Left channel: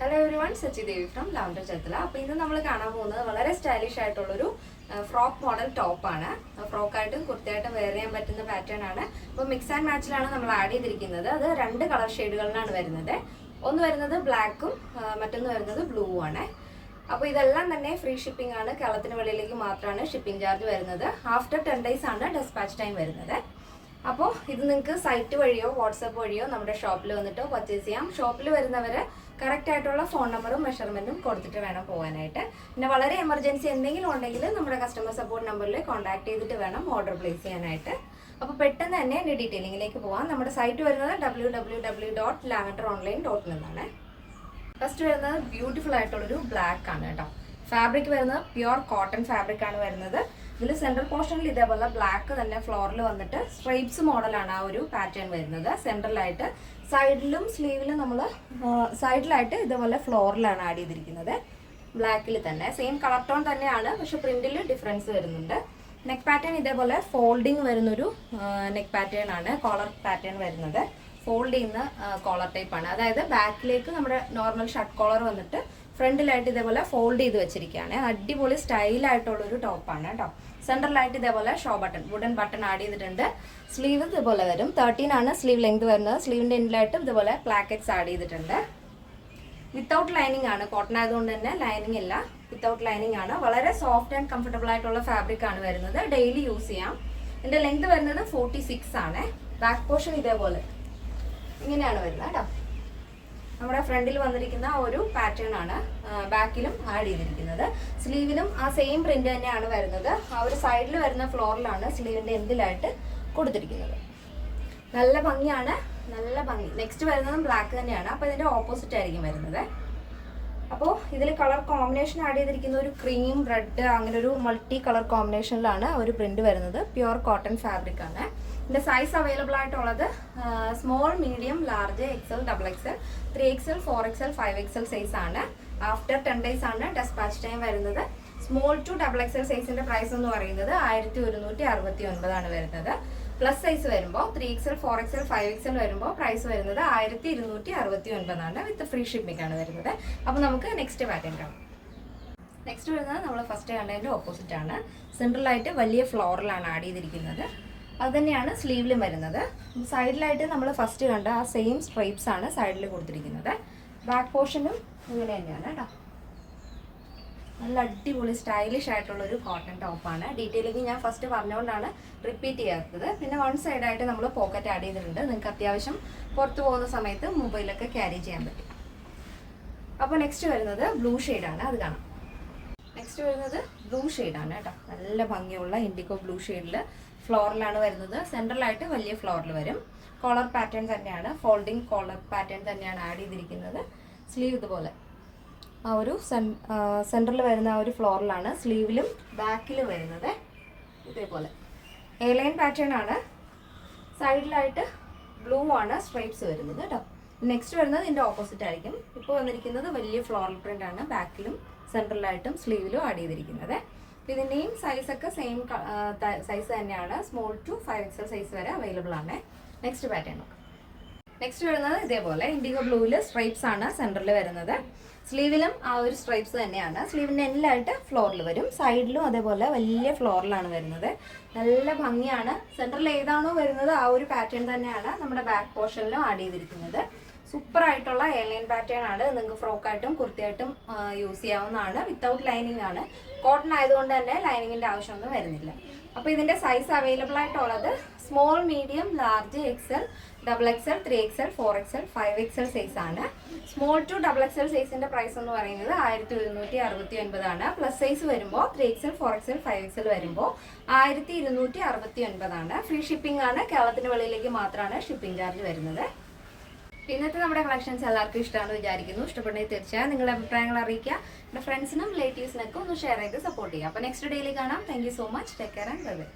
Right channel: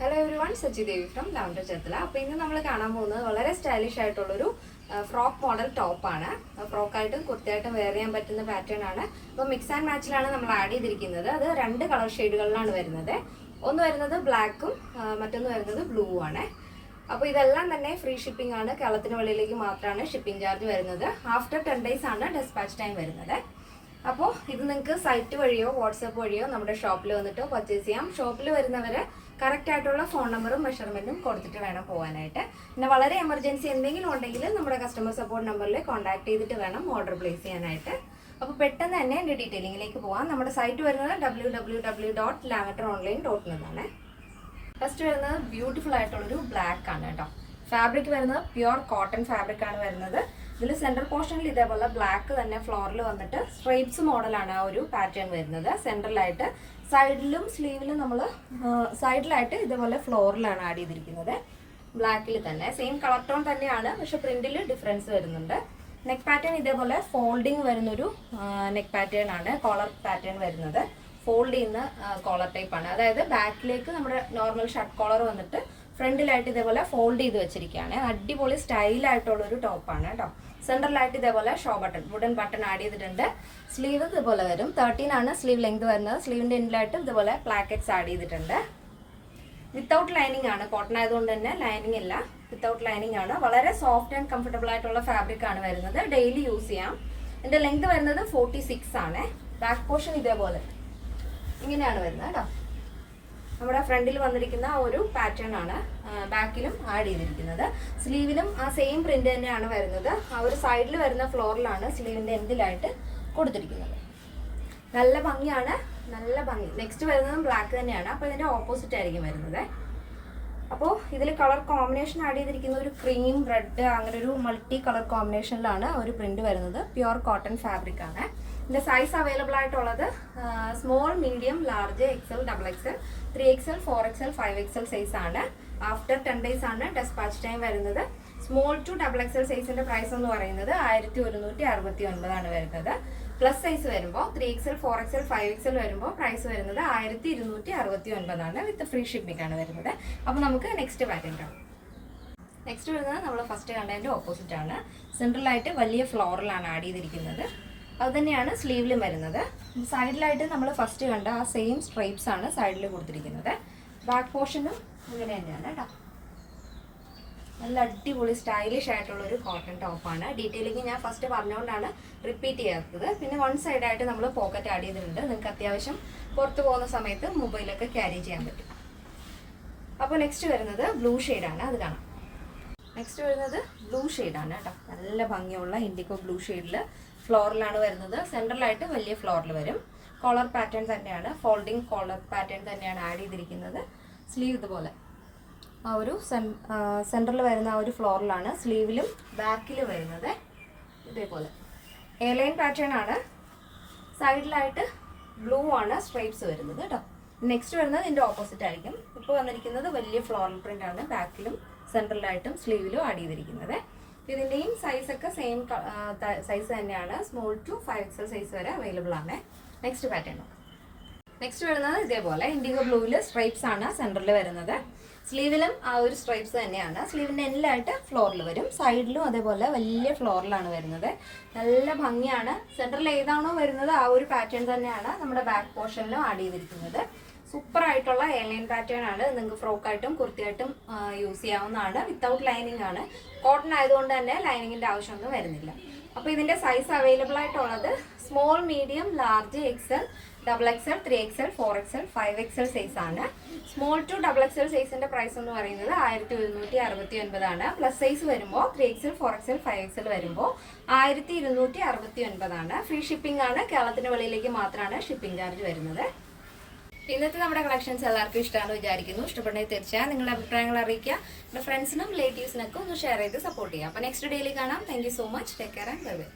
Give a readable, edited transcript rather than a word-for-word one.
Hello everyone, Sachi Devi from lavender Cherthala. അപ്പോൾ ഇന്ന് നമ്മൾ കാണാൻ പോകുന്നത് വളരെ സ്റ്റൈലിഷ് ആയിട്ടുള്ളൊരു ഫ്രോക്ക് മോഡൽ ടോപ്പാണ്. ഫ്രോക്കായിട്ടും കുർത്തയായിട്ടും വെയർ ചെയ്യാൻ പറ്റുന്ന പാറ്റേൺ ആണ്. അപ്പോൾ മിക്സ് ആൻഡ് മാച്ചിലാണ് നമ്മൾ ആഡ് ചെയ്തിരിക്കുന്നത്. അത് രണ്ട് കളർ ഷെയ്ഡുകളിലാണ് വരുന്നത്. ഒന്ന് വരുന്നത് ബ്ലാക്കും മറ്റൊന്ന് വരുന്നത് ബ്ലൂ ആണ്. അപ്പോൾ ഇതെല്ലാം തന്നെ ഫ്രീ ഷിപ്പിംഗ് ആണ്. കേരളത്തിന് വെളിയിലേക്ക് മാത്രമാണ് ഷിപ്പിംഗ് ചാർജ് വരുന്നത്. ആഫ്റ്റർ 10 days ആണ് ഡിസ്പാച്ച് ടൈം വരുന്നത്. അപ്പോൾ ഇത് നിങ്ങൾക്ക് സൈറ്റ് വഴിയോ വാട്സപ്പ് വഴിയോ നമ്മുടെ ഷോപ്പിൽ വന്നിട്ട് പർച്ചേസ് ചെയ്യാം. ഷോപ്പിൽ വരുന്നവർ കറക്റ്റ് ആയിട്ടുള്ള ഫോൺ നമ്പറും മെഷർമെൻറ്റും കൊടുത്തിട്ട് വേണം പോകാനായിട്ട്. പിന്നെ വളരെ എമർജൻസി എന്തെങ്കിലും ഉണ്ടെങ്കിൽ നമ്മുടെ കസ്റ്റമർ സപ്പോർട്ട് നമ്പറിൽ കോൺടാക്ട് ചെയ്തിട്ട് വേണം ഓർഡർ പ്ലേസ് ചെയ്യാനായിട്ട്. അപ്പോൾ പെട്ടെന്ന് തന്നെ എൻ്റെ ഡീറ്റെയിലിങ്ങിലേക്ക് പോകാം. നമ്മുടെ സൈറ്റ് വരുന്നത് www.lavatoronline.in എന്നാണ്. ഫസ്റ്റ് വരുന്നത് ബ്യൂട്ടിഫുൾ ആയിട്ടുള്ളൊരു ബ്ലാക്ക് ആണ് കേട്ടോ. ഫാബ്രിക് വരുന്നത് പ്യുവർ കോട്ടൺ ഫാബ്രിക് ആണ് വരുന്നത്. ഇതിൽ സെൻട്രൽ പോർഷനിൽ ഇതേപോലെ ബ്ലാക്ക് തന്നെ ഫ്ലോറിൽ വന്നിട്ട് സ്ട്രൈപ്സ് മോഡലാണ് ആ ഒരു പാറ്റേൺ വരുന്നത്. സെൻട്രലായിട്ട് സൈഡിലും സ്ലീവിലും നമ്മൾ സൈഡിലായിട്ട് ഇതേപോലെ ഫ്ലോറിലാണ് ആഡ് ചെയ്തിരിക്കുന്നത്. ബ്ലാക്കിൽ തന്നെ സെയിം കളർ ടോൺ തന്നെയാണ്, പക്ഷെ പ്രിന്റിൽ ഡിഫറൻസ് വരുന്നുണ്ട്. നെക്ക് പാറ്റേൺ ഇതേപോലെ ഫോൾഡിങ് വരുന്നൊരു നെക്ക് പാറ്റേൺ ആണ്. കോളർ പാറ്റേൺ വരുന്നത് ഫോൾഡ് ചെയ്യുന്ന കോളർ ടൈപ്പ് ആണ്. അതായത് ബാക്കിലേക്ക് നമ്മുടെ നോർമൽ ഷർട്ട് കോളർ വന്നിട്ട് ഫ്രണ്ടിലായിട്ട് ഇതേപോലെ ഫോൾഡ് ചെയ്ത് വെച്ചിരിക്കുകയാണ്. അടിപൊളി സ്റ്റൈലായിട്ടുള്ളൊരു ടോപ്പാണ് കേട്ടോ. സെൻട്രലായിട്ട് ഇതേപോലെ show button wooden button add ചെയ്തിട്ടുണ്ട്. സ്ലീവ് ഇതുപോലെ വരും. 13 ആണ് സ്ലീവ് ലെങ്ത് വരുന്നത്. സ്ലീവിൻ്റെ എൻഡിലായിട്ട് ഇതുപോലെ പ്ലാക്കറ്റ്സ് ആഡ് ചെയ്തിട്ടുണ്ട്. വിത്തൗട്ട് ലൈനിങ് ആണ്. കോട്ടൺ ആയതുകൊണ്ട് തന്നെ ലൈനിങ് ഇല്ല, വിത്തൗട്ട് ലൈനിങ് ആണ്. വളരെ സോഫ്റ്റ് ആൻഡ് കംഫർട്ടബിൾ ആയിട്ടുള്ള ഫാബ്രിക് ആണ് വരുന്നത്. ഡെയിലി യൂസ് ചെയ്യാം. ഇതിൻ്റെ ലെങ്ത് വരുന്നത് 46 ആണ്. ബാക്ക് പോർഷൻ ഇതേപോലെ ഇങ്ങനെയാണ് വരുന്നത് കേട്ടോ. നമ്മുടെ ഫ്രണ്ടിൽ വന്നിരിക്കുന്ന ഒരു പാറ്റേൺ ആണ് ബാക്കിലും ആഡ് ചെയ്തിരിക്കുന്നത്. സ്ലീവിലും ആ സെയിം പ്രിന്റ് തന്നെയാണ് വരുന്നത്. ആ ഒരു സൈഡിൽ വരുന്ന ഫ്ലോറിലാണ് സ്ലീവിൻ്റെ എൻഡിലായിട്ട് കൊടുത്തിരിക്കുന്നത്. നല്ല ഭംഗിയാണ്, നല്ല ഭംഗി. നെക്സ്റ്റ് വരുന്നതും ബ്ലാക്ക് തന്നെയാണ്. അപ്പോൾ ഇതിൻ്റെ ഓപ്പോസിറ്റ് ആയിരിക്കും വരുന്നത്. അപ്പോൾ ഇതിൽ കളർ കോമ്പിനേഷൻ ആഡ് ചെയ്തിരിക്കുന്ന ഒരു ക്രീം റെഡ് അങ്ങനെ ഒരു മൾട്ടി കളർ കോമ്പിനേഷനിലാണ് ഒരു പ്രിന്റ് വരുന്നത്. പ്യുവർ കോട്ടൺ ഫാബ്രിക് ആണ്. ഇതിൻ്റെ സൈസ് അവൈലബിൾ ആയിട്ടുള്ളത് small, medium, large, XL, XXL, 3XL, 4XL, 5XL size ആണ്. ആഫ്റ്റർ 10 days ആണ് ഡിസ്പാച്ച് ടൈം വരുന്നത്. സ്മോൾ ടു XXL സൈസിൻ്റെ പ്രൈസ് എന്ന് പറയുന്നത് 1169 ആണ് വരുന്നത്. പ്ലസ് സൈസ് വരുമ്പോൾ 3XL, 4XL, 5XL വരുമ്പോൾ പ്രൈസ് വരുന്നത് 1269 ആണ്. വിത്ത് ഫ്രീ ഷിപ്പിംഗ് ആണ് വരുന്നത്. അപ്പോൾ നമുക്ക് നെക്സ്റ്റ് പാറ്റേൺ കാണാം. നെക്സ്റ്റ് വരുന്നത് നമ്മൾ ഫസ്റ്റ് കണ്ടതിൻ്റെ ഓപ്പോസിറ്റ് ആണ്. സെൻട്രലായിട്ട് വലിയ ഫ്ലോറിലാണ് ആഡ് ചെയ്തിരിക്കുന്നത്. അത് തന്നെയാണ് സ്ലീവിലും വരുന്നത്. സൈഡിലായിട്ട് നമ്മൾ ഫസ്റ്റ് കണ്ട ആ സെയിം സ്ട്രൈപ്സ് ആണ് സൈഡിൽ കൊടുത്തിരിക്കുന്നത്. ബാക്ക് പോർഷനും ഇങ്ങനെ തന്നെയാണ് കേട്ടോ. നല്ല അടിപൊളി സ്റ്റൈലിഷ് ആയിട്ടുള്ളൊരു കോട്ടൺ ടോപ്പാണ്. ഡീറ്റെയിലിംഗ് ഞാൻ ഫസ്റ്റ് പറഞ്ഞുകൊണ്ടാണ് റിപ്പീറ്റ് ചെയ്യാത്തത്. പിന്നെ വൺ സൈഡായിട്ട് നമ്മൾ പോക്കറ്റ് ആഡ് ചെയ്തിട്ടുണ്ട്. നിങ്ങൾക്ക് അത്യാവശ്യം പുറത്ത് പോകുന്ന സമയത്ത് മൊബൈലൊക്കെ ക്യാരി ചെയ്യാൻ പറ്റും. അപ്പോൾ നെക്സ്റ്റ് വരുന്നത് ബ്ലൂ ഷെയ്ഡാണ്. അത് കാണാം. നെക്സ്റ്റ് വരുന്നത് ബ്ലൂ ഷെയ്ഡാണ് കേട്ടോ. നല്ല ഭംഗിയുള്ള ഇൻഡിഗോ ബ്ലൂ ഷെയ്ഡിൽ ഫ്ലോറിലാണ് വരുന്നത്. സെൻട്രലായിട്ട് വലിയ ഫ്ലോറിൽ വരും. കോളർ പാറ്റേൺ തന്നെയാണ്, ഫോൾഡിങ് കോളർ പാറ്റേൺ തന്നെയാണ് ആഡ് ചെയ്തിരിക്കുന്നത്. സ്ലീവ് ഇതുപോലെ ആ ഒരു സെൻറ്ററിൽ വരുന്ന ആ ഒരു ഫ്ലോറിലാണ് സ്ലീവിലും ബാക്കിലും വരുന്നത്. ഇതേപോലെ എ ലൈൻ പാറ്റേൺ ആണ്. സൈഡിലായിട്ട് ബ്ലൂ ആണ് സ്ട്രൈപ്സ് വരുന്നത് കേട്ടോ. നെക്സ്റ്റ് വരുന്നത് ഇതിൻ്റെ ഓപ്പോസിറ്റ് ആയിരിക്കും. ഇപ്പോൾ വന്നിരിക്കുന്നത് വലിയ ഫ്ലോറൽ പ്രിൻ്റ് ആണ്. ബാക്കിലും സെൻട്രലായിട്ടും സ്ലീവിലും ആഡ് ചെയ്തിരിക്കുന്നത്. ഇതിൻ്റെയും സൈസൊക്കെ സെയിം സൈസ് തന്നെയാണ്. സ്മോൾ ടു 5XL സൈസ് വരെ അവൈലബിൾ ആണ്. Next pattern. നെക്സ്റ്റ് വരുന്നത് ഇതേപോലെ ഇൻഡിഗോ ബ്ലൂവിൽ സ്ട്രൈപ്സ് ആണ് സെൻറ്ററിൽ വരുന്നത്. സ്ലീവിലും ആ ഒരു സ്ട്രൈപ്സ് തന്നെയാണ്. സ്ലീവിൻ്റെ എൻഡിലായിട്ട് ഫ്ലോറിൽ വരും. സൈഡിലും അതേപോലെ വലിയ ഫ്ലോറിലാണ് വരുന്നത്. നല്ല ഭംഗിയാണ്. സെൻറ്ററിൽ ഏതാണോ വരുന്നത് ആ ഒരു പാറ്റേൺ തന്നെയാണ് നമ്മുടെ ബാക്ക് പോർഷനിലും ആഡ് ചെയ്തിരിക്കുന്നത്. സൂപ്പർ ആയിട്ടുള്ള എയർലൈൻ പാറ്റേൺ ആണ്. നിങ്ങൾക്ക് ഫ്രോക്കായിട്ടും കുർത്തിയായിട്ടും യൂസ് ചെയ്യാവുന്നതാണ്. വിത്തൗട്ട് ലൈനിങ് ആണ്. കോട്ടൺ ആയതുകൊണ്ട് തന്നെ ലൈനിങ്ങിൻ്റെ ആവശ്യമൊന്നും വരുന്നില്ല. അപ്പോൾ ഇതിൻ്റെ സൈസ് അവൈലബിൾ ആയിട്ടുള്ളത് small, medium, large, XL, XXL, 3XL, 4XL, 5XL size ആണ്. സ്മോൾ ടു XXL സൈസിൻ്റെ പ്രൈസ് എന്ന് പറയുന്നത് 1169 ആണ്. പ്ലസ് സൈസ് വരുമ്പോൾ 3XL, 4XL, 5XL വരുമ്പോൾ 1269 ആണ്. ഫ്രീ ഷിപ്പിംഗ് ആണ്. കേരളത്തിന് വെളിയിലേക്ക് മാത്രമാണ് ഷിപ്പിംഗ് ചാർജ് വരുന്നത്. ഇന്നത്തെ നമ്മുടെ കളക്ഷൻസ് എല്ലാവർക്കും ഇഷ്ടമാണെന്ന് വിചാരിക്കുന്നു. ഇഷ്ടപ്പെട്ടെങ്കിൽ തീർച്ചയായും നിങ്ങളുടെ അഭിപ്രായങ്ങൾ അറിയിക്കുക. എൻ്റെ ഫ്രണ്ട്സിനും റിലേറ്റീവ്സിനൊക്കെ ഒന്ന് ഷെയർ ചെയ്ത് സപ്പോർട്ട് ചെയ്യുക. അപ്പോൾ നെക്സ്റ്റ് ഡേയിൽ കാണാം. Thank you so much. Take care and bye bye.